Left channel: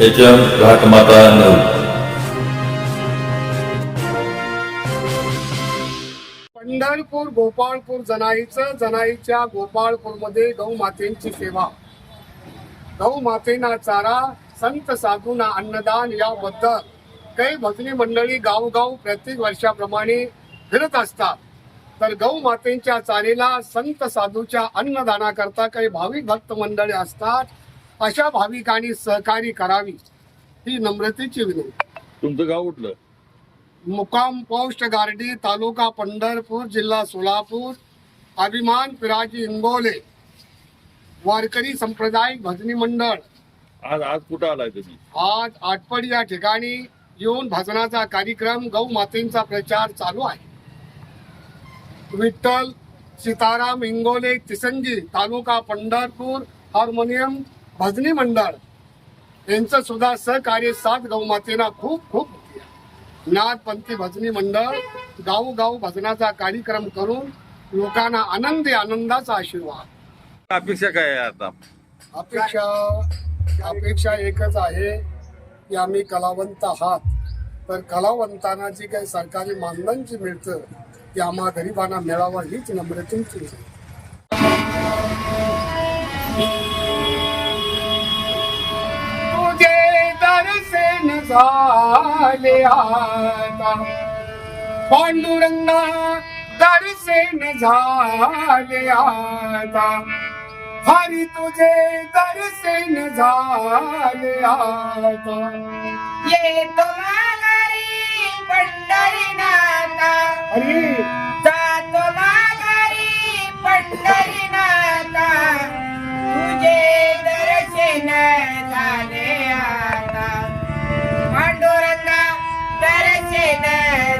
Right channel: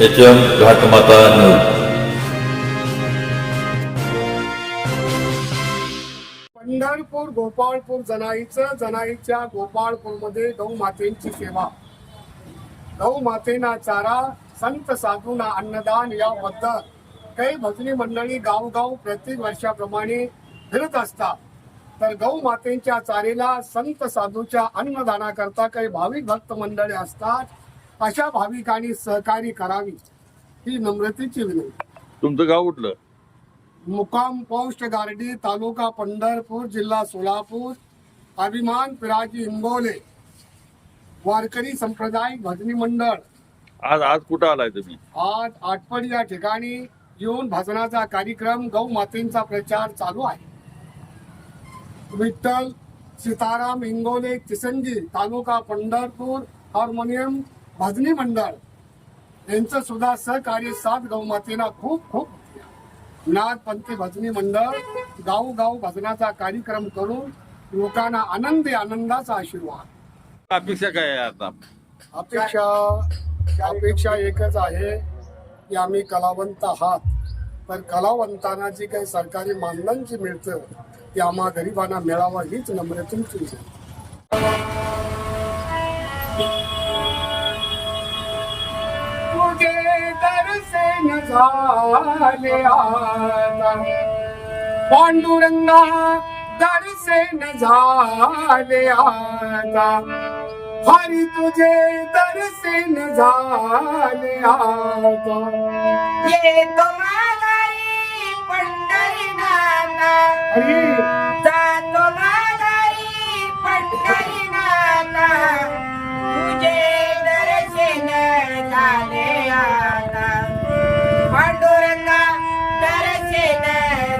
HM घाटमाता news. Pandharpur Gopalpur जनाईच्या गोपाळपूरमध्ये गौमातेची सेवा, गौमातेना चारा, संत साधूंना अन्नदान याबद्दल काही भजनी मंडळी गावगाव प्रत्येक वर्षाप्रमाणे फिरत असतात. तर गौमातेच्या चारेला संत साधूच्या अन्नदानाकरता काही भाविक भक्त मंडळी असतात. अशा भाविकांनी सहकार्य करावी ही नम्रतेची विनंती. तुमचं गाव कुठलं? मुक्काम पोस्ट गार्डी, तालुका पंढरपूर, जिल्हा सोलापूर. अभिमान पिराजी इंबोले वारकरी संप्रदायिक भजनी मंडळ. आज कुठं आलाय तुम्ही? आज आटपडी या ठिकाणी येऊन भजनाचा कार्यक्रम, गौ मातेचा प्रचार चालू आहे. विठ्ठल सीताराम इंगोले तिसंजी, तालुका पंढरपूर हार्मोनियम भजनी मंडळ यांचं सुद्धा सहकार्य साथ गौमातेला खूप खूप नाथपंथी भजनी मंडळ गावोगाव भजनाचा कार्यक्रम करून लोकांना आनंदाचा आशीर्वाद. अपेक्षा काय आहे आता? अपेक्षा एकच आहे की आम्ही कलावंत आहात, तर कलावंतांना जी काही सरकारी मानधन जी मिळतं ते आम्हा गरिबांना मिळावं हीच नम्रतेची विनंती. तुझे दर्शन झाले आता पांडुरंगा, दर्शन झाले आता हरी, तुझे दर्शन झाले आता. ये तो माघारी पंढरीनाथा, हरी जातो माघारी पंढरीनाथा, तुझे दर्शन झाले आता. पांडुरंगा, दर्शन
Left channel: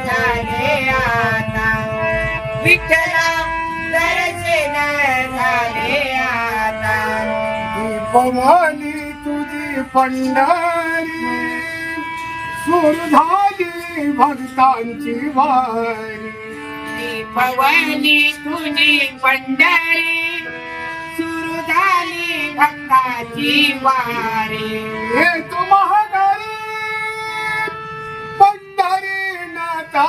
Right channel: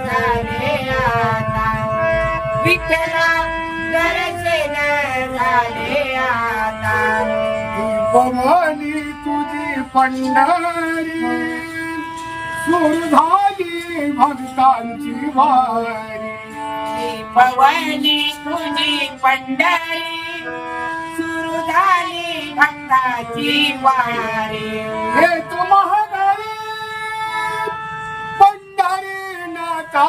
झाले आता. विठ्ठला, दर्शन झाले आता. भवानी तुझी पंढरी, सुर झाली भक्तांची वारी. भवानी तुझी पंढरी, सुरू झाली भक्ताची वारी. हे तू महागारी पंढरी नाथा,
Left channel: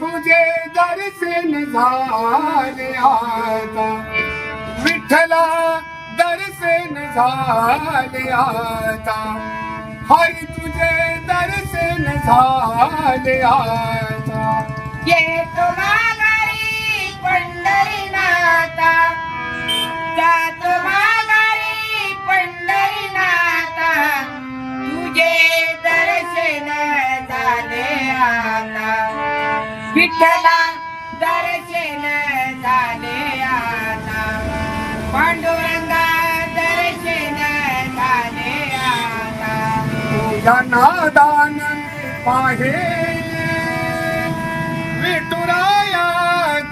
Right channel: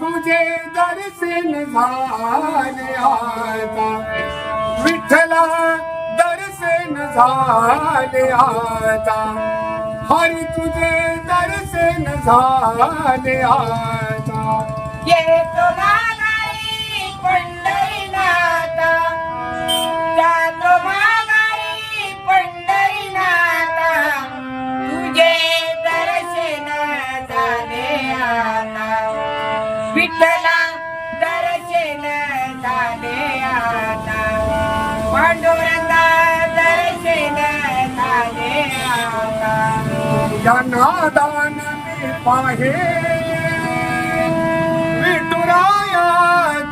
तुझे दर्शन झाले आता. विठ्ठला, दर्शन झाले आता हरी, तुझे दर्शन झाले आता. ये तो माघारी पंढरीनाथा, जातो माघारी पंढरीनाथा, तुझे दर्शन झाले आता. विठ्ठला, दर्शन झाले आता. पांडुरंगा, दर्शन झाले आता. तुझ्या नादान मी पाहेले विठुराया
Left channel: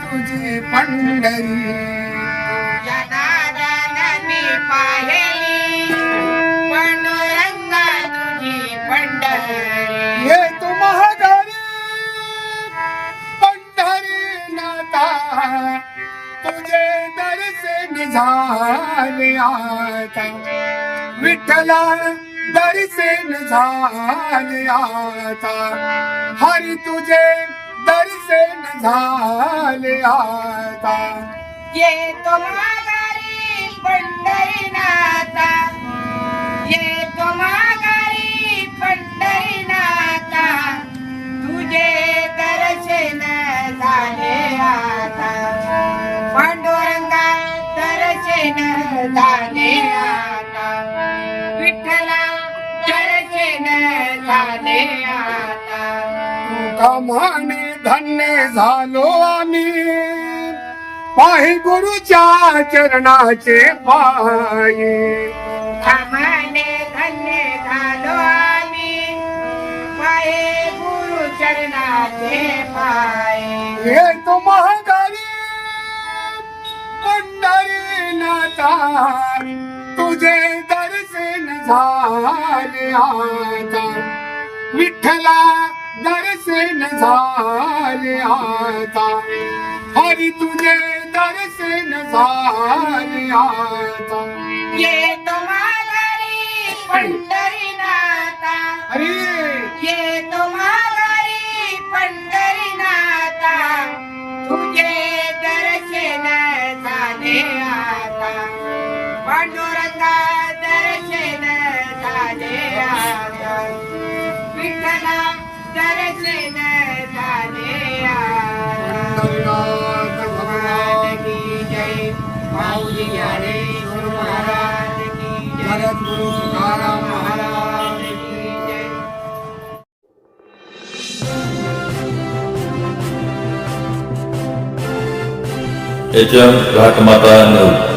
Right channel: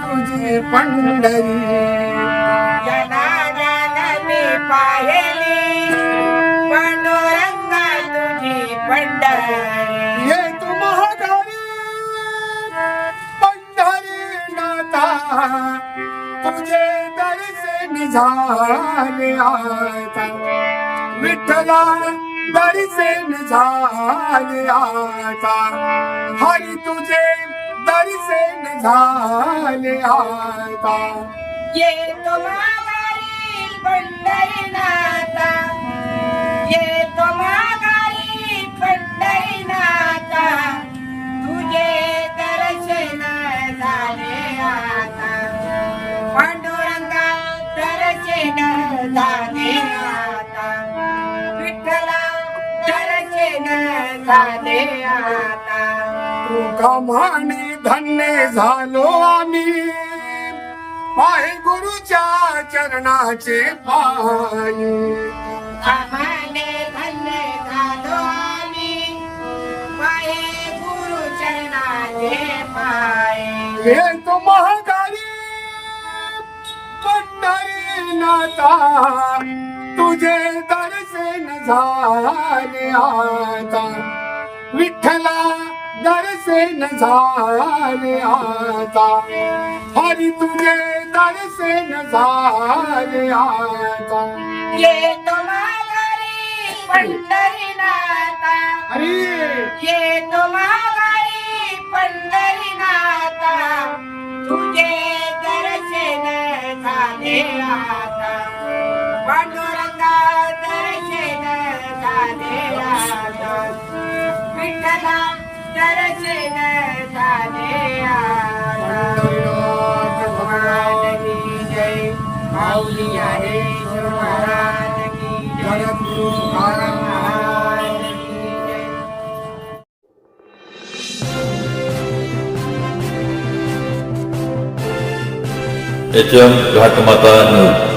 तुझी पंढरी. जनार्दन मी पाहिली, पांडुरंगा तुझी पंढरी. ये तू महागारी पंढरी नाथा, तुझे दर्शन झाले आता. विठ्ठला, दर्शन झाले आता हरी, तुझे दर्शन झाले आता. ये तो माघारी पंढरीनाथा, ये तो माघारी पंढरीनाथा, तुझे दर्शन झाले आता. पांडुरंगा, दर्शन झाले आता. विठ्ठला, दर्शन झाले आता. कामाने धन्य झालो आम्ही, पायी गुरुच्या चरणाचे पायी. आम्हाने धन्य झालो आम्ही, पाये गुरु चरणाचे पाय. हे तो महागारी पंढरी नाथा, तुझे दर्शन झाले आता. विठ्ठला, दर्शन झाले आता हरी, तुझे दर्शन झाले आता. ये तो माघारी पंढरीनाथा हरी येतो माघारी पंढरीनाथा तुझे दर्शन झाले आता पांडुरंगा दर्शन झाले आता विठ्ठला दर्शन झाले आता पंढरीनाथ भगवान की जय माऊली हरे गुरु महाराज की जय जगद्गुरु तुकाराम महाराज की जय HM घाटमाता न्यूज.